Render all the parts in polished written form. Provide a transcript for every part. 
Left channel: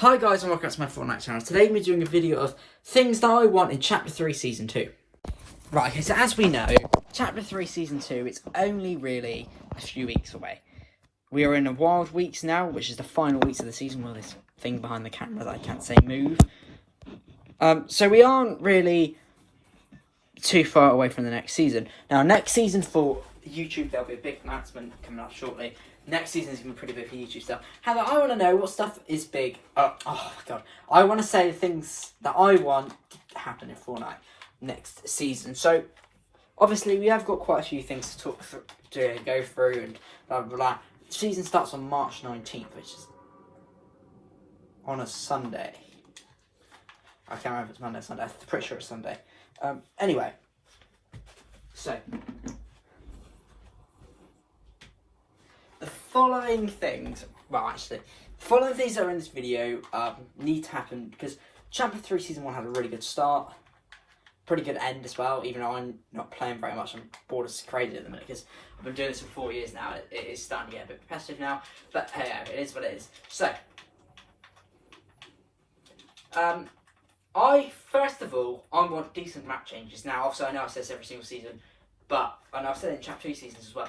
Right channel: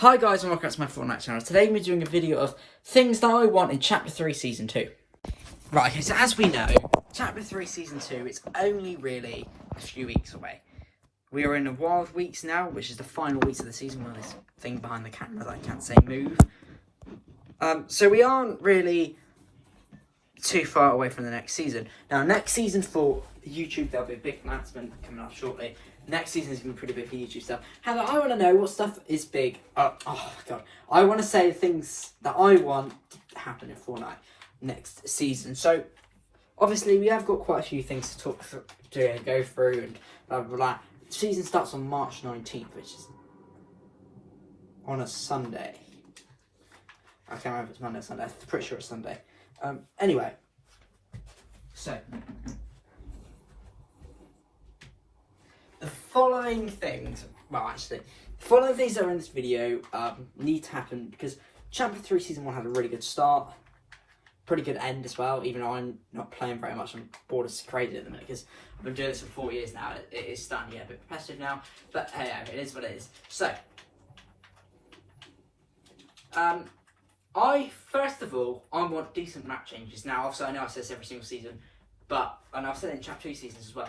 Hi guys and welcome back to my Fortnite channel. Today we're doing a video of things that I want in Chapter 3 Season 2. Right, okay, so as we know, Chapter 3 Season 2 is only really a few weeks away. We are in the wild weeks now, which is the final weeks of the season. Well, this thing behind the camera that I can't say move. So we aren't really too far away from the next season. Now, next season for YouTube, there'll be a big announcement coming up shortly. Next season is going to be pretty big for YouTube stuff. However, I want to know what stuff is big. Oh god. I want to say things that I want to happen in Fortnite next season. So, obviously, we have got quite a few things to talk through, to go through, and blah, blah, blah. The season starts on March 19th, which is on a Sunday. I can't remember if it's Monday or Sunday. I'm pretty sure it's Sunday. Anyway. So. The following things, the following things that are in this video need to happen because Chapter 3 Season 1 had a really good start, pretty good end as well, even though I'm not playing very much. I'm bored as crazy at the minute because I've been doing this for 4 years now. It is starting to get a bit repetitive now, but hey, it is what it is. So, first of all, I want decent map changes. Now, obviously, I know I say this every single season, but, and I've said it in Chapter 2 seasons as well,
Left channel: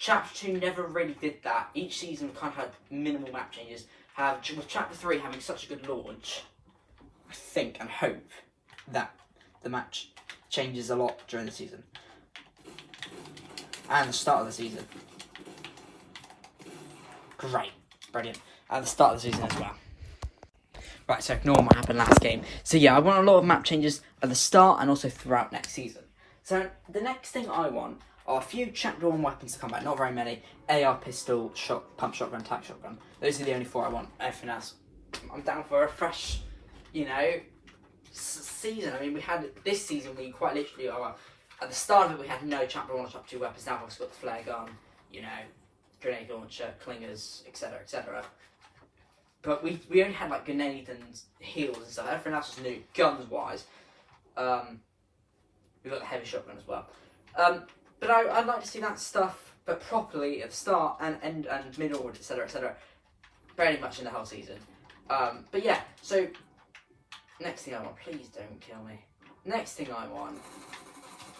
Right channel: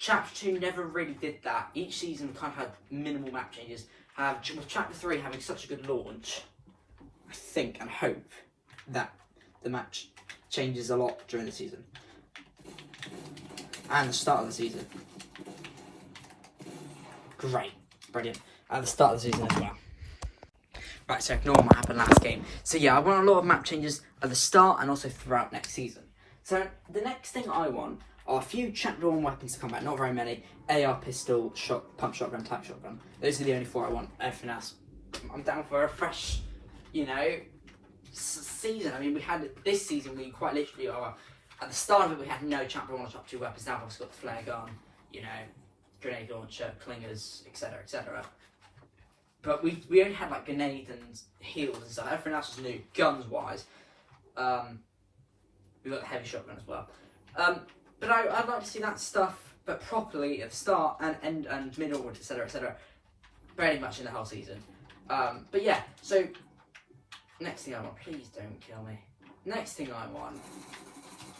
Chapter 2 never really did that. Each season kind of had minimal map changes. With Chapter 3 having such a good launch, I think and hope that the match changes a lot during the season. And the start of the season. Great. Brilliant. At the start of the season as well. Right, so ignore what happened last game. So yeah, I want a lot of map changes at the start and also throughout next season. So the next thing I want are a few Chapter 1 weapons to come back, not very many. AR pistol, pump shotgun, tac shotgun. Those are the only four I want. Everything else, I'm down for a fresh, season. I mean, we had this season, we quite literally, at the start of it, we had no Chapter 1 or Chapter 2 weapons. Now we've also got the flare gun, grenade launcher, clingers, etc., etc. But we only had like grenades and heals and stuff. Everything else was new, guns-wise. We got the heavy shotgun as well. But I'd like to see that stuff, but properly at the start and end and middle, etc., etc. Very much in the whole season. But yeah, so next thing I want, please don't kill me. Next thing I want,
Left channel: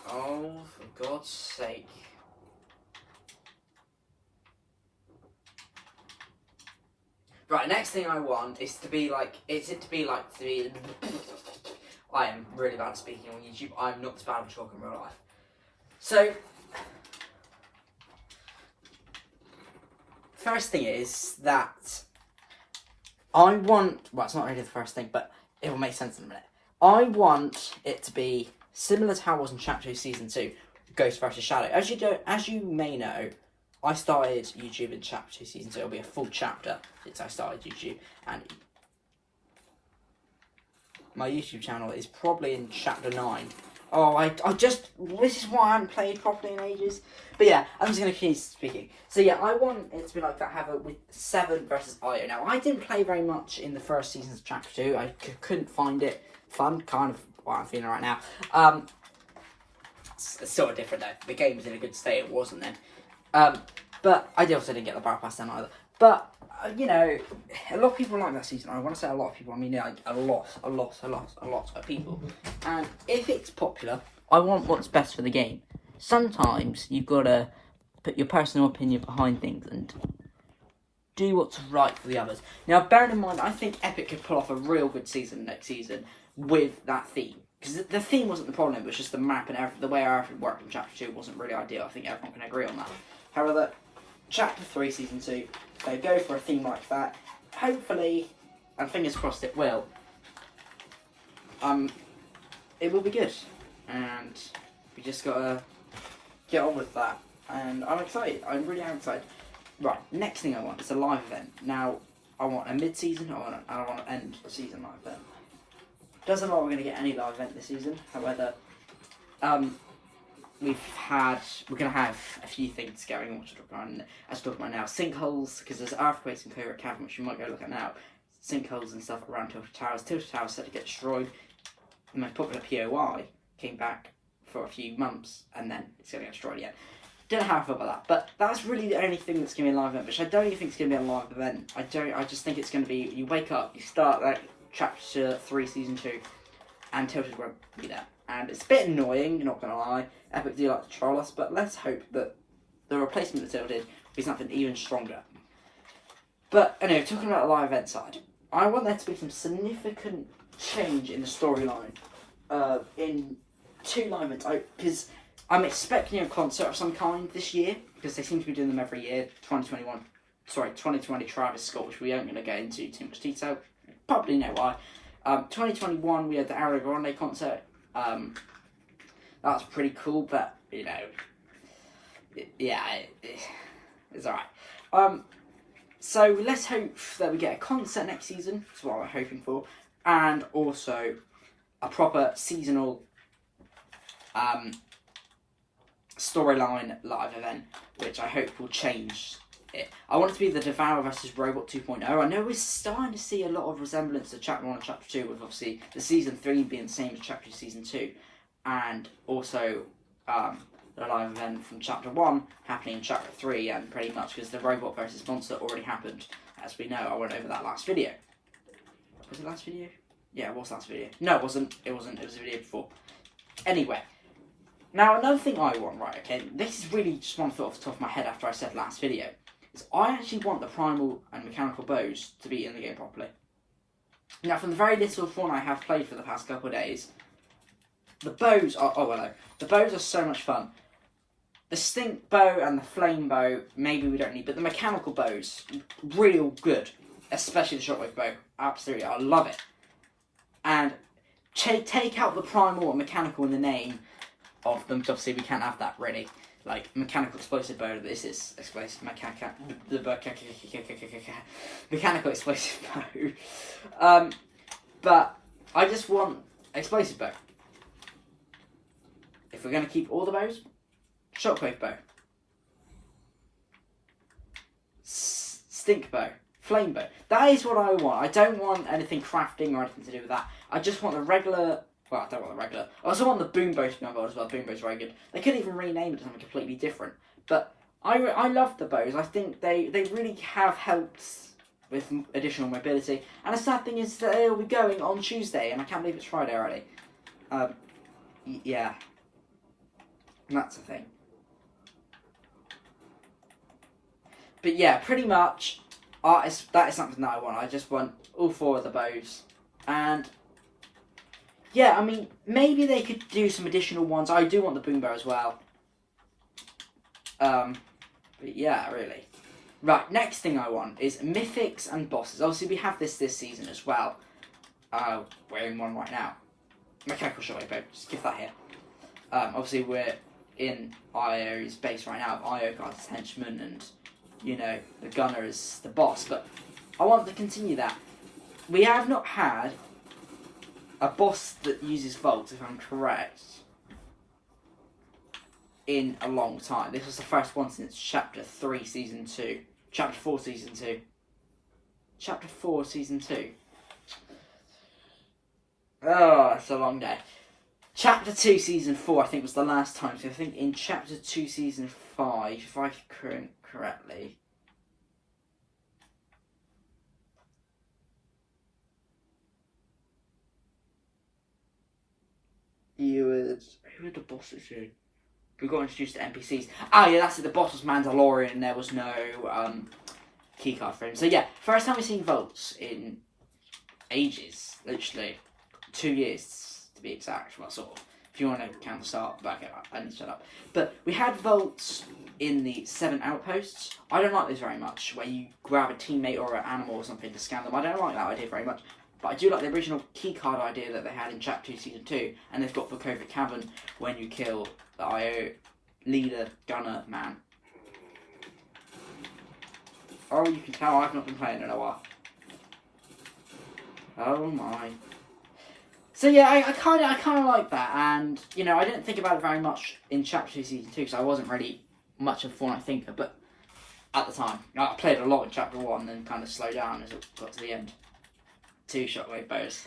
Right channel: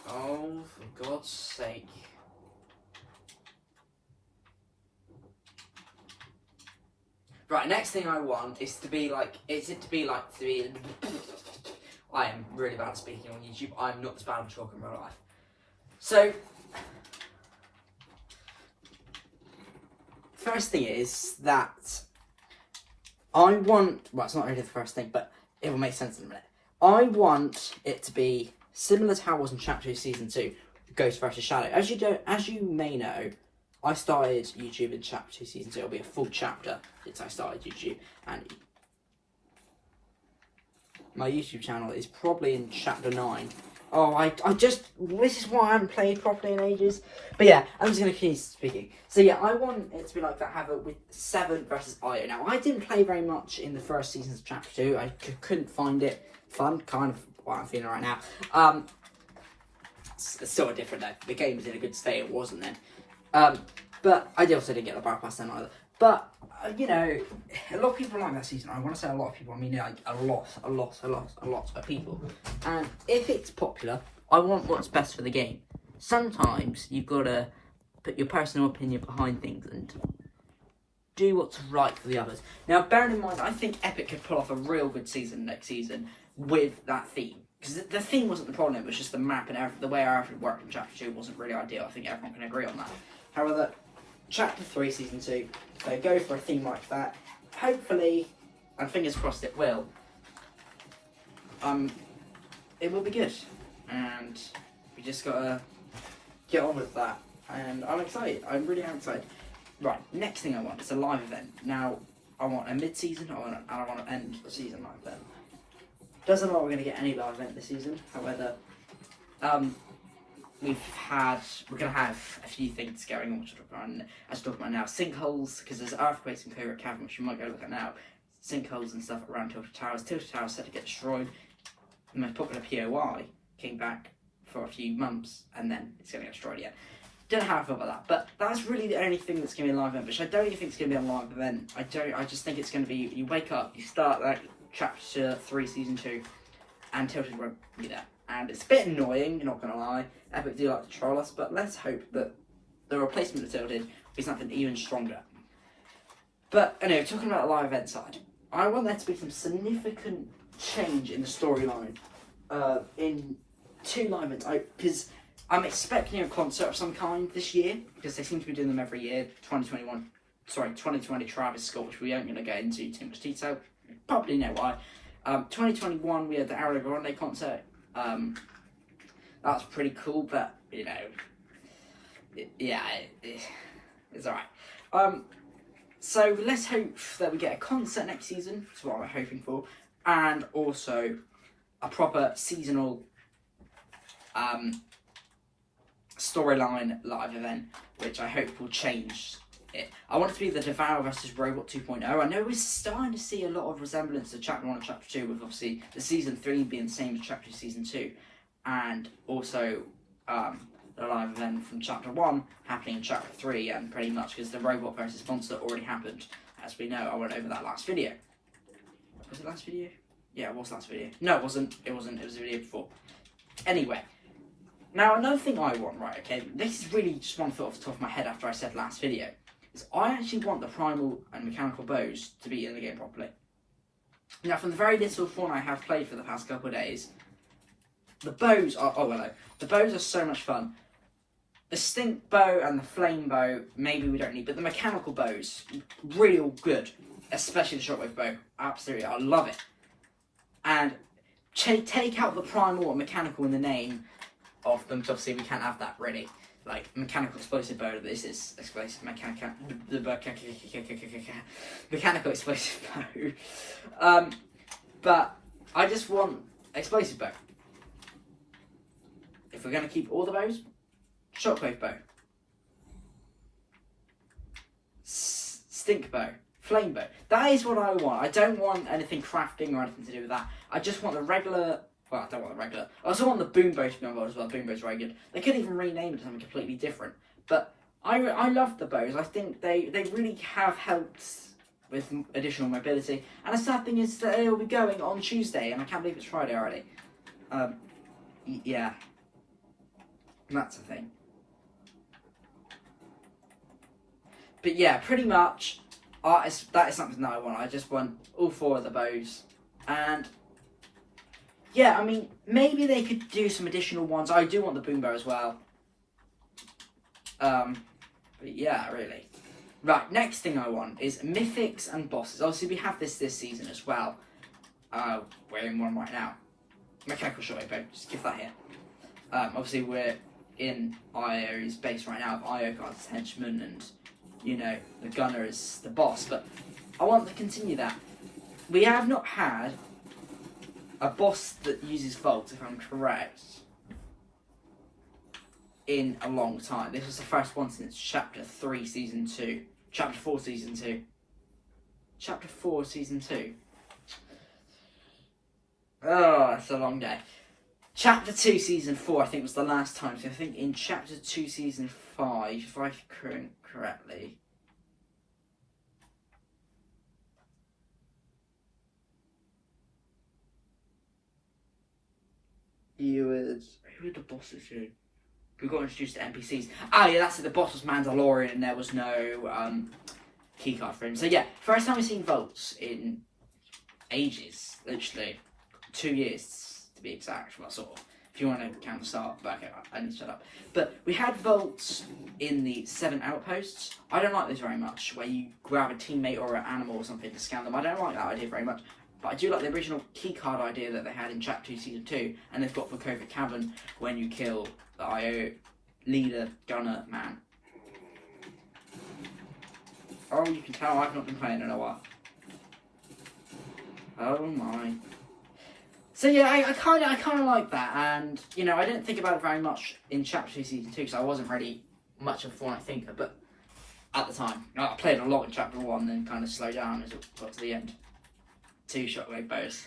oh for God's sake. Right, next thing I want is to be like, I am really bad at speaking on YouTube. I'm not as bad at talking in real life. So, first thing is that I want, well, it's not really the first thing, but it will make sense in a minute. I want it to be similar to how it was in Chapter 2 Season 2, Ghost vs Shadow. As you may know, I started YouTube in Chapter 2 Season 2. It'll be a full chapter since I started YouTube, and my YouTube channel is probably in Chapter 9. Oh, this is why I haven't played properly in ages. But yeah, I'm just going to keep speaking. So yeah, I want it to be like that, have it with 7 versus IO. Now, I didn't play very much in the first seasons of Chapter 2. I couldn't find it fun, kind of what I'm feeling right now. It's sort of different though. The game was in a good state, it wasn't then. But I also didn't get the battle pass then either. But, a lot of people like that season. I want to say a lot of people. I mean, like a lot of people. And if it's popular, I want what's best for the game. Sometimes you've got to put your personal opinion behind things and do what's right for the others. Now, bearing in mind, I think Epic could pull off a real good season next season with that theme. Because the theme wasn't the problem, it was just the map and the way everything worked in Chapter 2 wasn't really ideal. I think everyone can agree on that. However, Chapter 3 Season 2, so go for a theme like that. Hopefully, and fingers crossed it will be good. And we just gotta get on with that. And I'm excited. I really am excited. Right, next thing I want is a live event. Now, I want a mid-season, and I want to end the season live event. Doesn't look like we're going to get any live event this season. However, we're going to have a few things going on, as we're talking about now. Sinkholes, because there's earthquakes in Clear Cavern, which we might go look at now. Sinkholes and stuff around Tilted Towers. Tilted Towers said to get destroyed. The most popular POI came back for a few months, and then it's going to get destroyed again. don't know how I feel about that, but that's really the only thing that's going to be a live event, which I don't even think it's going to be a live event. I just think it's going to be, you wake up, you start like chapter 3, season 2, and Tilted won't be there. And it's a bit annoying, you're not going to lie. Epic do like to troll us, but let's hope that the replacement of Tilted will be something even stronger. But anyway, talking about the live event side, I want there to be some significant change in the storyline in 2 live events, because I'm expecting a concert of some kind this year, because they seem to be doing them every year. 2020 Travis Scott, which we aren't going to get into too much detail. You probably know why. 2021 we had the Ariana Grande concert. That was pretty cool, but you know, it's alright. So let's hope that we get a concert next season. That's what we're hoping for, and also a proper seasonal storyline live event, which I hope will change it. I want it to be the Devour vs Robot 2.0. I know we're starting to see a lot of resemblance to Chapter 1 and Chapter 2, with obviously the Season 3 being the same as Chapter 2, Season 2, and also the live event from Chapter 1 happening in Chapter 3, and pretty much because the Robot versus Monster already happened, as we know. I went over that last video. Was it last video? Yeah, it was last video. No, it wasn't. It was a video before. Anyway. Now, another thing I want, right, okay, this is really just one thought off the top of my head after I said last video, is I actually want the primal and mechanical bows to be in the game properly. Now, from the very little fun I have played for the past couple of days, the bows are, the bows are so much fun. The stink bow and the flame bow, maybe we don't need, but the mechanical bows, real good, especially the shockwave bow, absolutely, I love it. And take out the primal and mechanical in the name of them, because obviously we can't have that really. Like, mechanical explosive bow, this is explosive mechanical explosive bow. But I just want explosive bow. If we're going to keep all the bows, shockwave bow, stink bow, flame bow. That is what I want. I don't want anything crafting or anything to do with that. I just want the regular. Well, I don't want the regular. I also want the boom bow to be on board as well. Boom bow's very good. They could even rename it to something completely different. But I love the bows. I think they really have helped with additional mobility. And the sad thing is that they'll be going on Tuesday, and I can't believe it's Friday already. Yeah. And that's the thing. But yeah, pretty much, that is something that I want. I just want all 4 of the bows. And yeah, I mean, maybe they could do some additional ones. I do want the boom bow as well. But yeah, really. Right, next thing I want is mythics and bosses. Obviously, we have this season as well. We're in one right now. Mechanical shockwave bow, just give that here. Obviously, we're in IO's base right now. IO got his henchman, and you know, the gunner is the boss. But I want to continue that. We have not had a boss that uses Volt, if I'm correct, in a long time. This was the first one since Chapter 3, Season 2. Chapter 4, Season 2. Chapter 4, Season 2. Oh, it's a long day. Chapter 2, Season 4, I think, was the last time. So I think in Chapter 2, Season 5, if I can correctly, who were the bosses who we got introduced to NPCs? Ah, yeah, that's it. The boss was Mandalorian, and there was no keycard for him. So yeah, first time we've seen Volts in ages, literally 2 years to be exact. Well, sort of. If you want to count the start, but okay, I need to shut up. But we had Volts in the 7 outposts. I don't like this very much, where you grab a teammate or an animal or something to scan them. I don't like that idea very much. But I do like the original keycard idea that they had in Chapter 2, Season 2, and they've got for Covert Cavern when you kill the IO leader, gunner, man. Oh, you can tell I've not been playing in a while. Oh my. So yeah, I kind of like that, and you know, I didn't think about it very much in Chapter 2, Season 2, because I wasn't really much of a Fortnite thinker, but at the time, I played a lot in Chapter 1, then kind of slowed down as it got to the end. 2 shockwave bows.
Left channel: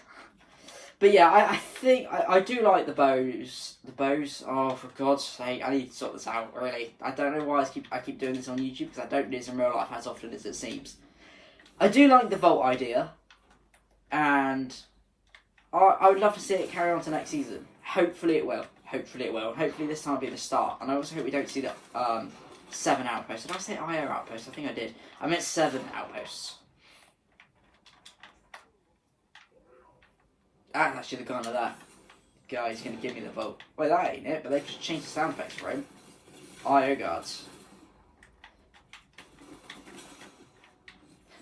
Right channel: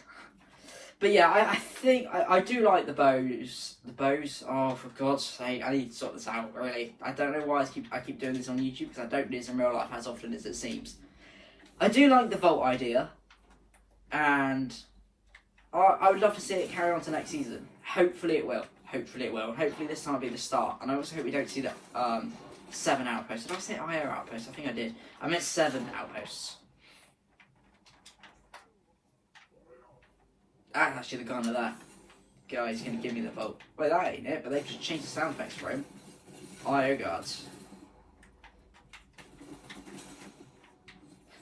But yeah, I think I do like the bows. The bows, oh, for God's sake, I need to sort this out, really. I don't know why I keep doing this on YouTube, because I don't do this in real life as often as it seems. I do like the vault idea, and I would love to see it carry on to next season. Hopefully it will. Hopefully it will. And hopefully this time will be the start. And I also hope we don't see the 7 outposts. Did I say IO outposts? I think I did. I meant 7 outposts. That's actually the gun of that guy's going to give me the vote. Well, that ain't it, but they've just changed the sound effects for him. IO guards.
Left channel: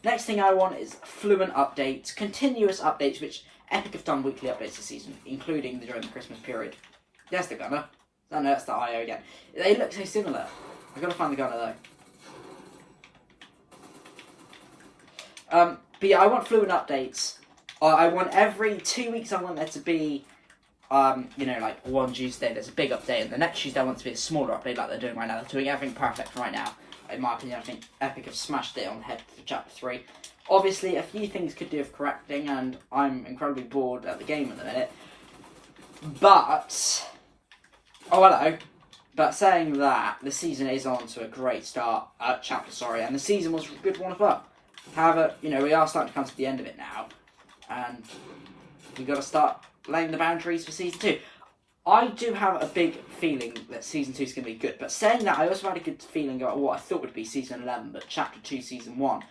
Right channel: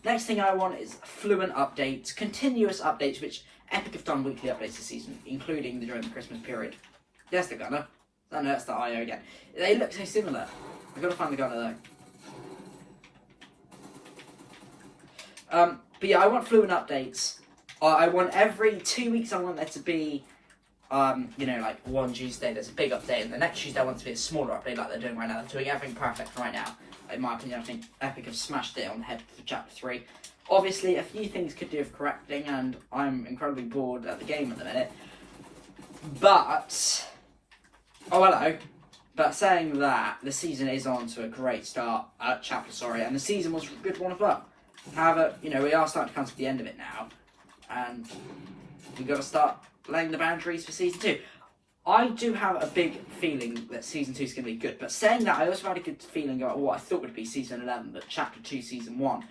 Next thing I want is fluent updates, continuous updates, which Epic have done weekly updates this season, including during the Christmas period. There's the gunner. Oh no, that's the IO again. They look so similar. I've got to find the gunner though. But yeah, I want fluent updates. I want every 2 weeks, I want there to be, you know, like one Tuesday there's a big update, and the next Tuesday I want it to be a smaller update like they're doing right now. They're doing everything perfect right now. In my opinion, I think Epic have smashed it on the head for Chapter 3. Obviously, a few things could do with correcting, and I'm incredibly bored at the game at the minute. But, oh hello. But saying that, the season is on to a great start, and the season was a good one as well. However, you know, we are starting to come to the end of it now, and we've got to start laying the boundaries for Season 2. I do have a big feeling that Season 2 is going to be good, but saying that, I also had a good feeling about what I thought would be Season 11, but Chapter 2, Season 1,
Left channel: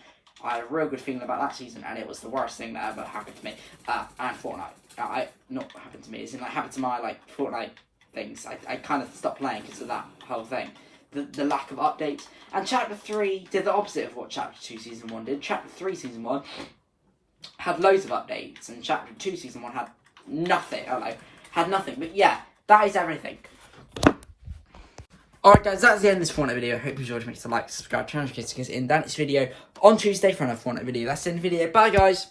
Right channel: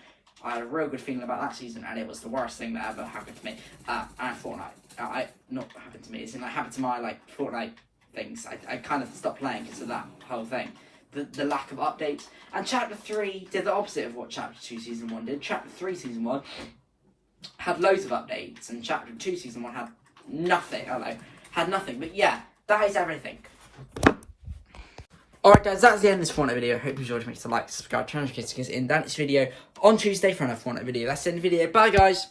I had a real good feeling about that season, and it was the worst thing that ever happened to me. And Fortnite. Not happened to me, it's like happened to my, like, Fortnite things. I kind of stopped playing because of that whole thing. The lack of updates. And Chapter 3 did the opposite of what Chapter 2 Season 1 did. Chapter 3 Season 1 had loads of updates, and Chapter 2 Season 1 had nothing. I don't know, had nothing. But yeah, that is everything. Alright guys, that's the end of this Fortnite video. I hope you enjoyed. Make sure to like, subscribe, channel notifications in that next video on Tuesday for another Fortnite video. That's the end of the video. Bye guys.